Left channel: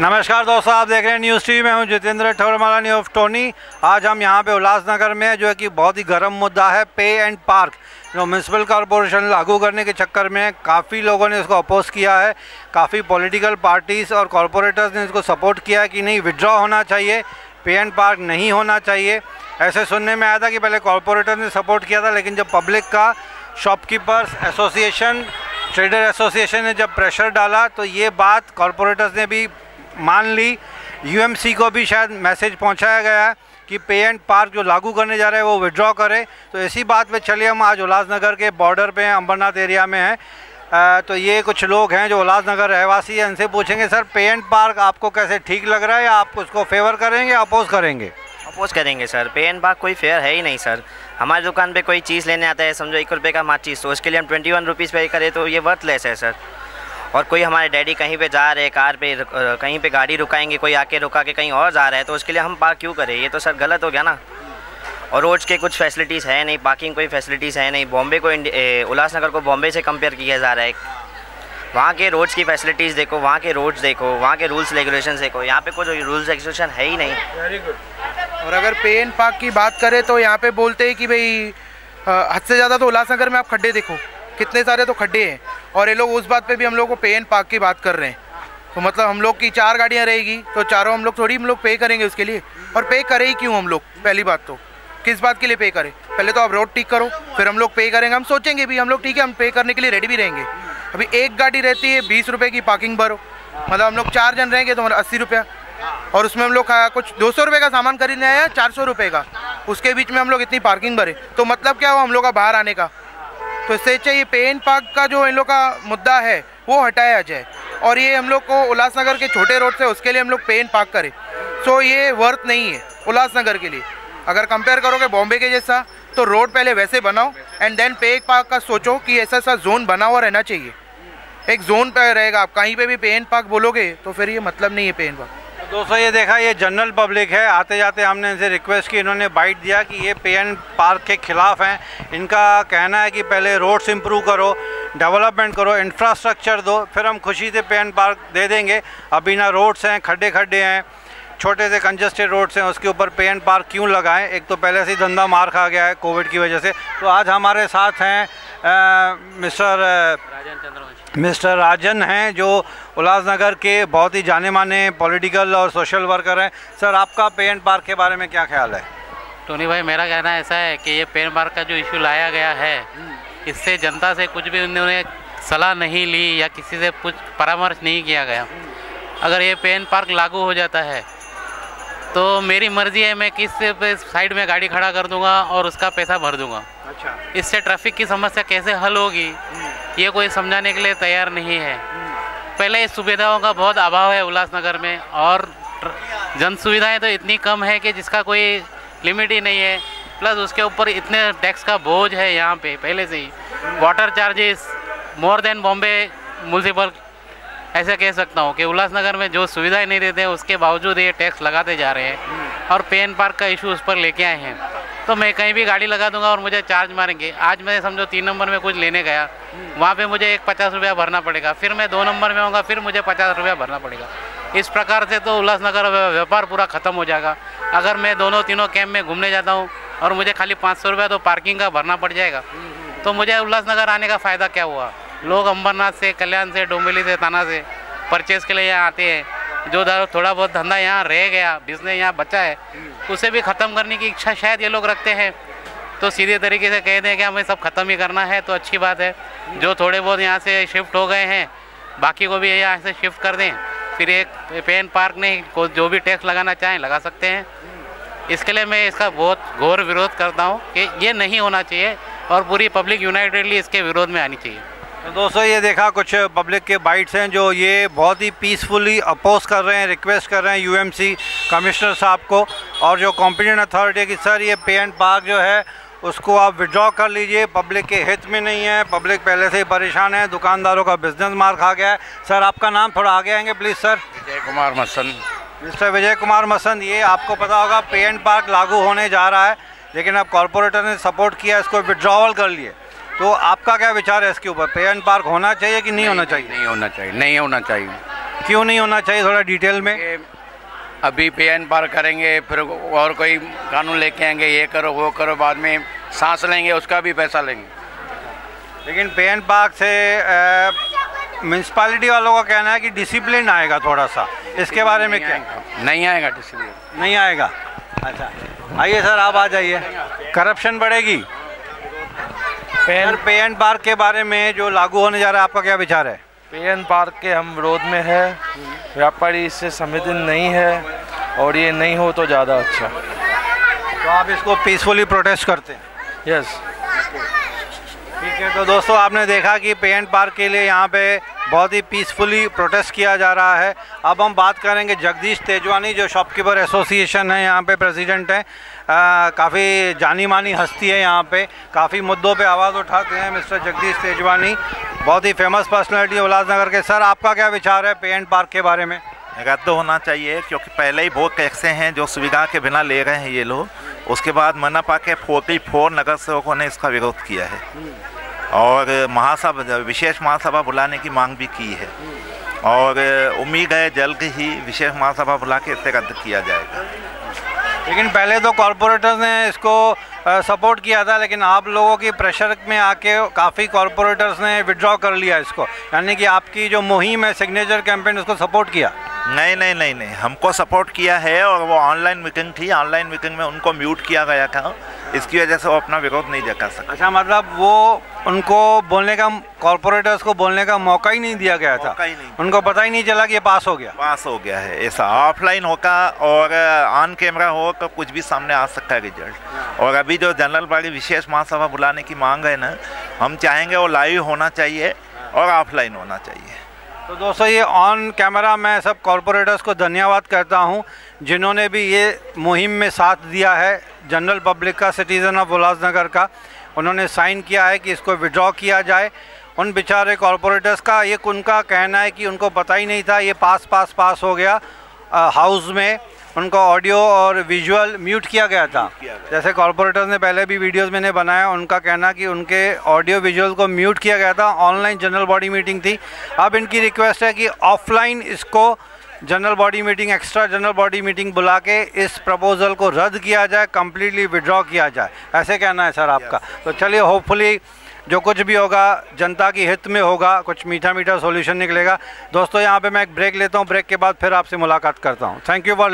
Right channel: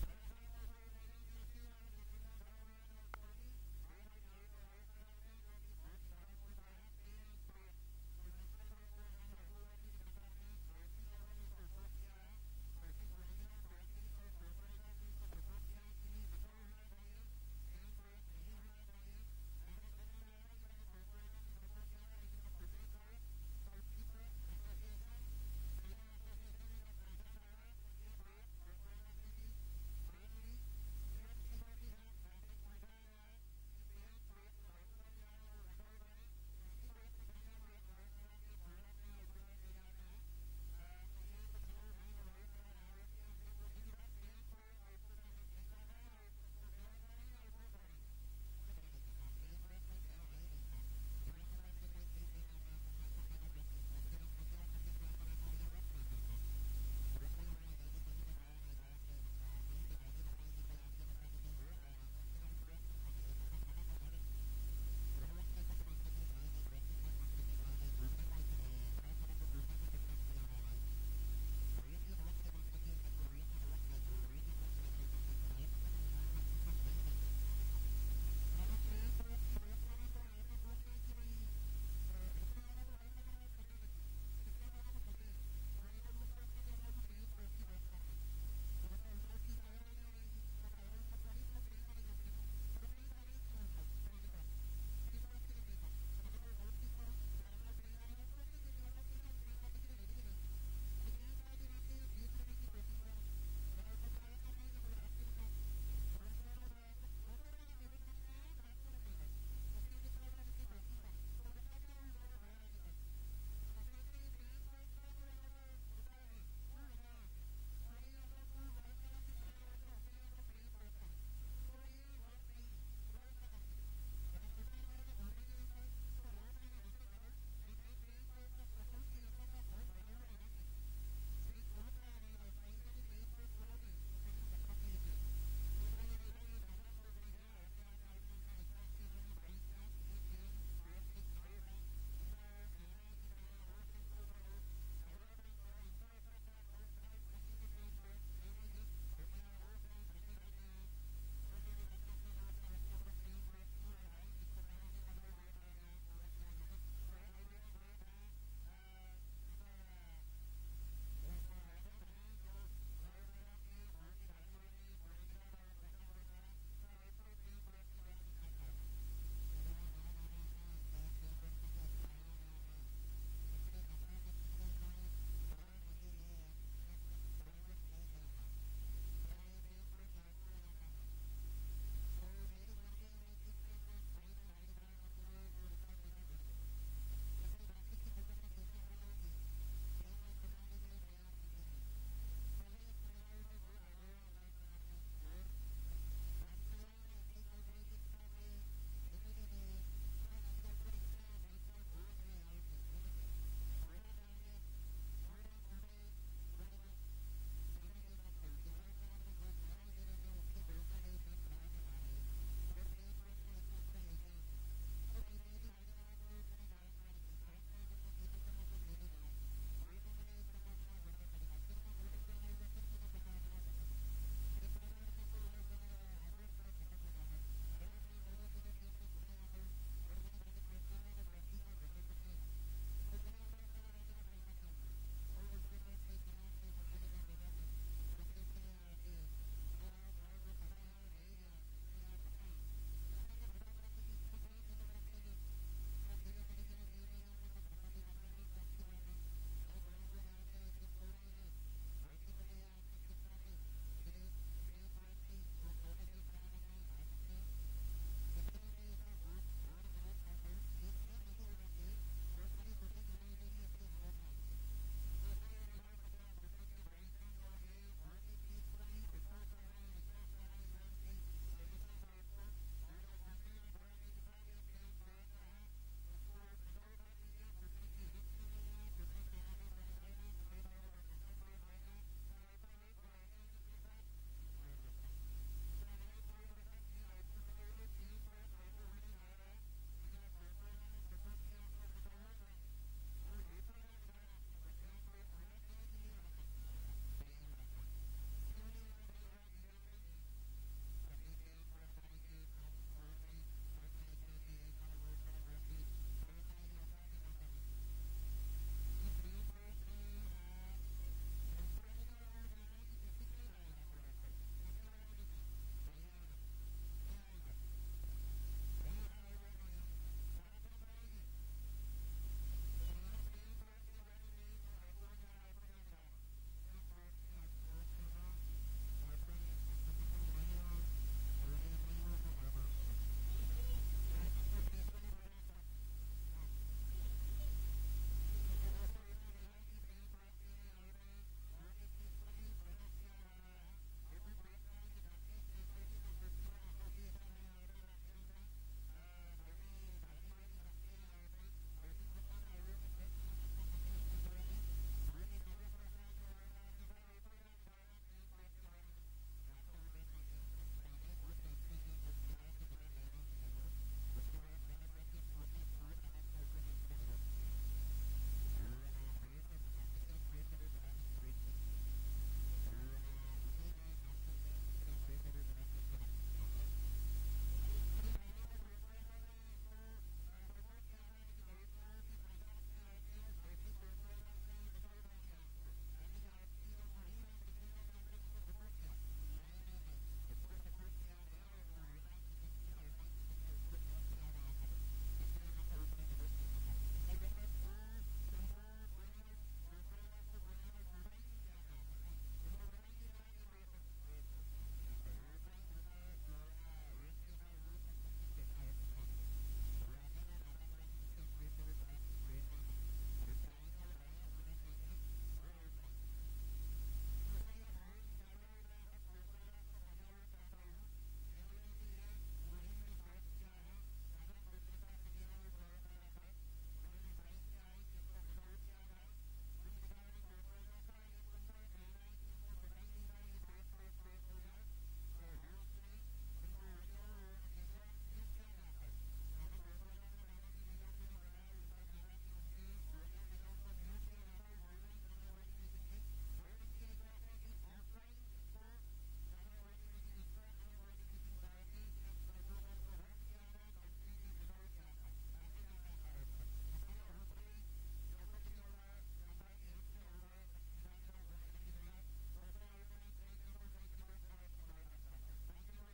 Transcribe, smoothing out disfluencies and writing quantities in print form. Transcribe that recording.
नमस्कार दोस्तों, आप देख रहे हैं न्यूज़ टीवी में हूं जितेंद्र ठौरमाला न्यू ऑफ टोनी। आज हम यहां पे उल्लासनगर में जो है कि बहुत ही गर्म मुद्दा है पे एंड पार्क, जो म्यूनसिपल कॉरपोरेशन लागू करने के चक्कर में काफ़ी लोगों ने इसको अपोज किया है। काफ़ी पॉलिटिकल पार्टीज़ और कॉरपोरेटर्स ने इसको सपोर्ट किया है कि नहीं, विड्रॉ होना चाहिए, पे एंड पार्क नहीं होना चाहिए। ऐसे सुनने में आया था कि पहले कॉरपोरेटर ने सपोर्ट किया था, लेकिन जब पब्लिक का शॉपकीपर्स एसोसिएशन, ट्रेडर एसोसिएशन ने जब प्रेशर डाला तो ये बात कॉरपोरेटर्स ने भी मान ली। यूएमसी को भी शायद मैसेज पहुंचाया गया है कि पे एंड पार्क जो लागू करने जा रहे हैं वो विड्रॉ करे। तो इसी बात पे चलिए, हम आज उल्लासनगर के बॉर्डर पे हैं, अंबरनाथ एरिया में हैं। तो ये कुछ लोग हैं जो उल्लासनगर रहवासी हैं, इनसे पूछेंगे सर पे एंड पार्क आपको कैसे ठीक लग रहा है, या आप उसको फेवर करेंगे या अपोज करेंगे? अपोज करेंगे सर। पे एंड पार्क कोई फेयर है ही नहीं सर। हमारी दुकान पे कोई चीज़ लेने आता है, समझो 1 रुपये का माचिस, तो उसके लिए हम 21 रुपीज़ पे करें तो ये वर्थलेस है सर। और कोई हमारे डैडी कहीं पे जा रहे हैं, कार पे कहीं पे गाड़ी रुकाएंगे, कोई आके रुका के कहीं और जा रहा है, तो उसके लिए हम पार्क क्यों करें? ये तो सर गलत हो गया ना। और रोड्स के कुछ फैसिलिटीज़ है नहीं, पार्किंग कोई फैसिलिटीज़ है नहीं। बॉम्बे को उल्लासनगर को बॉम्बे से कंपेयर किया जा रहा है। वहाँ के रोड्स की फैसिलिटीज़ देखो, वहाँ के रोड्स देखो, वहाँ के रूल्स रेगुलेशन देखो, यहाँ पे कोई रूल्स रेगुलेशन है ही नहीं। Very good. और अगर पे एंड पार्क की बात करें तो यहाँ पे बोलते हैं कि भाई हद से ज़्यादा तो उल्लासनगर में आप खड्डे देखो, कितने सारे तो खड्डे हैं। और ये लोग उस बात पे भी हम लोग को पे एंड पार्क की बात कर रहे हैं। तो मतलब हम लोग की 4 गाड़ियाँ रहेगी तो चारों हम लोग पे करेंगे उसके लिए। और पे करें ही क्यों हम लोग? पहली बात तो किस बात के लिए पे करें? पहले तो आप रोड ठीक करो, फिर हम लोग पे करेंगे। हम सोचेंगे भी, हम लोग ठीक है, हम पे करने के लिए रेडी भी रहेंगे। अभी एक गाड़ी रहती है 20 रुपये की पार्किंग भरो, मतलब हम लोग 4 जन रहेंगे तो हमारा 80 रुपया। और उसमें हम लोग कुछ 200 रुपये का सामान खरीदने आया, 400 रुपये का, उसके बीच में हम लोग इतनी पार्किंग भरे, तो मतलब क्या हुआ हम लोग का बाहर आने का? तो इससे चाहिए पे एंड पार्क का जो इन लोग का मुद्दा है वो हटाया जाए, और ये हम लोग को उल्लासनगर के छोटे रोड से उसके लिए हम लोग पे एंड पार्क करें। सो ये वर्थ नहीं है उल्लासनगर के लिए। अगर कंपेयर करोगे बॉम्बे के जैसा, तो रोड पहले वैसे बनाओ एंड देन पे एंड पार्क का सोचो कि ऐसा जोन बना हुआ रहना चाहिए। एक जोन पे रहेगा, आप कहीं पे भी पे एंड पार्क बोलोगे तो फिर ये मतलब नहीं है पे एंड पार्क। दोस्तों ये देखा, ये जनरल पब्लिक है। आते जाते हमने इनसे रिक्वेस्ट की, इन्होंने बाइट दिया कि ये पे एंड पार्क के खिलाफ हैं। इनका कहना है कि पहले रोड्स इंप्रूव करो, डेवलपमेंट करो, इंफ्रास्ट्रक्चर दो, फिर हम खुशी से पे एंड पार्क दे देंगे। अभी ना रोड्स हैं, खड्डे खड्डे हैं, छोटे से कंजस्टेड रोड्स हैं, उसके ऊपर पे एंड पार्क क्यों लगाएं? एक तो पहले से ही धंधा मार खा गया है कोविड की वजह से। तो आज हमारे साथ हैं मिस्टर राजन हैं, जो उल्लासनगर के बहुत ही जाने माने पॉलिटिकल और सोशल वर्कर हैं। सर, आपका पे एंड पार्क के बारे में क्या ख्याल है? टोनी भाई, मेरा कहना ऐसा है कि ये पे एंड पार्क का जो इशू लाया गया है, इससे जनता से कुछ भी उन्होंने सलाह नहीं ली या किसी से कुछ परामर्श नहीं किया गया। अगर ये पे एंड पार्क लागू हो जाता है तो मेरी मर्ज़ी है, मैं किस साइड में गाड़ी खड़ा कर दूंगा और उसका पैसा भर दूंगा। अच्छा, इससे ट्रैफिक की समस्या कैसे हल होगी ये कोई समझाने के लिए तैयार नहीं है। पहले इस सुविधाओं का बहुत अभाव है उल्लासनगर में, और जन सुविधाएँ तो इतनी कम है कि जिसका कोई लिमिट ही नहीं है। प्लस उसके ऊपर इतने टैक्स का बोझ है यहाँ पे पहले से ही। Water charges more than Bombay municipal, ऐसा कह सकता हूँ कि उल्लासनगर में जो सुविधाएं नहीं देते हैं उसके बावजूद ये टैक्स लगाते जा रहे हैं। और पे एंड पार्क का इशू उस पर लेके आए हैं, तो मैं कहीं भी गाड़ी लगा दूंगा और मुझे चार्ज मारेंगे। आज मैं समझो 3 नंबर में कुछ लेने गया, वहाँ पे मुझे 50 रुपया भरना पड़ेगा, फिर मैं 2 नंबर में होगा, फिर मुझे 50 रुपया भरना पड़ेगा। इस प्रकार से तो उल्लासनगर व्यापार पूरा ख़त्म हो जाएगा। अगर मैं दोनों तीनों कैंप में घूमने जाता हूँ और मुझे खाली 500 रुपया तो पार्किंग का भरना पड़ जाएगा, तो मुझे उल्लासनगर आने का फ़ायदा क्या हुआ? लोग अंबरनाथ से, कल्याण से, डोंबिवली से, ताना से परचेज़ के लिए यहाँ आते हैं। जो थोड़ा बहुत धंधा यहाँ रह गया, बिजनेस यहाँ बचा है, उसे भी ख़त्म करने की इच्छा शायद ये लोग रखते हैं। तो सीधे तरीके से कह दें कि हमें सब ख़त्म ही करना है तो अच्छी बात है। जो थोड़े बहुत यहाँ से शिफ्ट हो गए हैं, बाकी को भी यहाँ से शिफ्ट कर दें, फिर एक पे एंड पार्क नहीं, जो भी टैक्स लगाना चाहें लगा सकते हैं। इसके लिए मैं इसका बहुत घोर विरोध करता हूँ कि ये नहीं होना चाहिए, और पूरी पब्लिक यूनाइटेडली इसके विरोध में आनी चाहिए। तो दोस्तों ये देखा, कुछ पब्लिक के बाइट्स हैं जो ये बहुत ही पीसफुली अपोज कर रहे हैं, रिक्वेस्ट कर रहे हैं यूएमसी कमिश्नर साहब को और जो कॉम्पिटेंट अथॉरिटी की, सर ये पे एंड पार्क जो है उसको आप विड्रॉ कर लीजिए, पब्लिक के हित में नहीं है, पब्लिक पहले से ही परेशान है, दुकानदारों का बिजनेस मार खा गया है। सर, आपका नाम थोड़ा आगे आएंगे please sir? Vijay Kumar Masan. Mister Vijay Kumar Masan, ये आपको पता होगा पे एंड पार्क लागू होने जा रहा है, लेकिन अब कॉरपोरेटर ने सपोर्ट किया, इसको विड्रॉवल कर लिए। तो आपका क्या विचार है इसके ऊपर? पे एंड पार्क होना चाहिए कि नहीं होना चाहिए? नहीं होना चाहिए, नहीं होना चाहिए। क्यों नहीं होना चाहिए, थोड़ा डिटेल में? अभी पे एंड पार करेंगे, फिर और कोई कानून लेके आएंगे, ये करो वो करो, बाद में सांस लेंगे उसका भी पैसा लेंगे। लेकिन पे एंड पार्क से म्यूनसिपालिटी वालों का कहना है कि डिसिप्लिन आएगा थोड़ा सा, इसके बारे में क्या? नहीं आएगा डिसिप्लिन, नहीं आएगा। अच्छा आइए सर, आप आ जाइए। करप्शन बढ़ेगी। पे एंड पार्क के बारे में जो लागू होने जा रहा है, आपका क्या विचार है? पे एंड पार्क के हम विरोध में है, व्यापारी इससे संवेदन नहीं है और ये नहीं हो तो ज़्यादा अच्छा। तो आप इसको पीसफुली प्रोटेस्ट करते हैं? यस ठीक है। तो दोस्तों आपने देखा कि पे एंड पार्क के लिए यहाँ पे बहुत ही पीसफुली प्रोटेस्ट किया जा रहा है। अब हम बात करेंगे जगदीश तेजवानी, जो शॉपकीपर एसोसिएशन है यहाँ पे प्रेसिडेंट हैं। काफ़ी जानी मानी हस्ती है यहाँ पे, काफ़ी मुद्दों पे आवाज़ उठाते हैं मिस्टर जगदीश तेजवानी, बहुत ही फेमस पर्सनैलिटी है उल्लासनगर के। सर आपका क्या विचार है पे एंड पार्क के बारे में? रद्द होना चाहिए, क्योंकि पहले ही बहुत ऐसे हैं जो सुविधा के बिना ले रहे हैं ये लोग। उसके बाद मनपा के 44 नगर सेवकों ने इसका विरोध किया है और महासभा, विशेष महासभा बुलाने की मांग भी की है और उम्मीद है जल्द ही विशेष महासभा बुला के इसे रद्द किया जाएगा। लेकिन पहले तो कॉरपोरेटर्स ने इसको सपोर्ट किया था, लेकिन आप लोगों की प्रेशर में आके काफ़ी कॉरपोरेटर्स ने विड्रॉ कर लिया इसको, यानी कि आपकी जो मुहिम है सिग्नेचर कैंपेन, उसको सपोर्ट किया? नहीं, हमको सपोर्ट किया है और वो ऑनलाइन मीटिंग थी, ऑनलाइन मीटिंग में उनको म्यूट किया गया था, इसकी वजह से वो अपना विरोध नहीं जता सका। अच्छा, मतलब वो उनको बोलने का, कॉरपोरेटर्स को बोलने का मौका ही नहीं दिया गया था? उनको पता ही नहीं चला कि ये पास हो गया है। ऐसा ऑफलाइन होगा और ऑन कैमरा हो तो कुछ भी सामने आ सकता है रिजल्ट। और अभी जो जनरल बॉडी विशेष महासभा बुलाने की मांग है ना, हम चाहेंगे वो लाइव होना चाहिए और ऑफलाइन होना चाहिए। तो दोस्तों ये ऑन कैमरा मैं सब कॉरपोरेटर्स को धन्यवाद करता हूं जिन्होंने भी ये मुहिम में साथ दिया है, जनरल पब्लिक का, सिटीज़न ऑफ उल्लासनगर का। उन्होंने साइन किया है कि इसको विड्रॉ किया जाए। उन बेचारे कॉरपोरेटर्स का ये उनका कहना है कि उनको पता ही नहीं था, ये पास हो गया हाउस में, उनको ऑडियो और विजुअल म्यूट किया गया था। जैसे कॉरपोरेटर्स ने पहले भी वीडियोस मैंने बनाया, उनका कहना कि उनके ऑडियो विजुअल को म्यूट किया गया था। ऑनलाइन जनरल बॉडी मीटिंग थी। अब इनकी रिक्वेस्ट है कि ऑफलाइन इसको general body meeting, extra general body meeting बुला के इस प्रपोजल को रद्द किया जाए, कम्प्लीटली विड्रॉ किया जाए, ऐसे कहना है सर आपका। तो चलिए, होपफुली जो कुछ भी होगा जनता की हित में होगा, कुछ मीठा सॉल्यूशन निकलेगा। दोस्तों यहाँ पे मैं एक ब्रेक लेता हूँ, ब्रेक के बाद फिर आपसे मुलाकात करता हूँ। Thank you for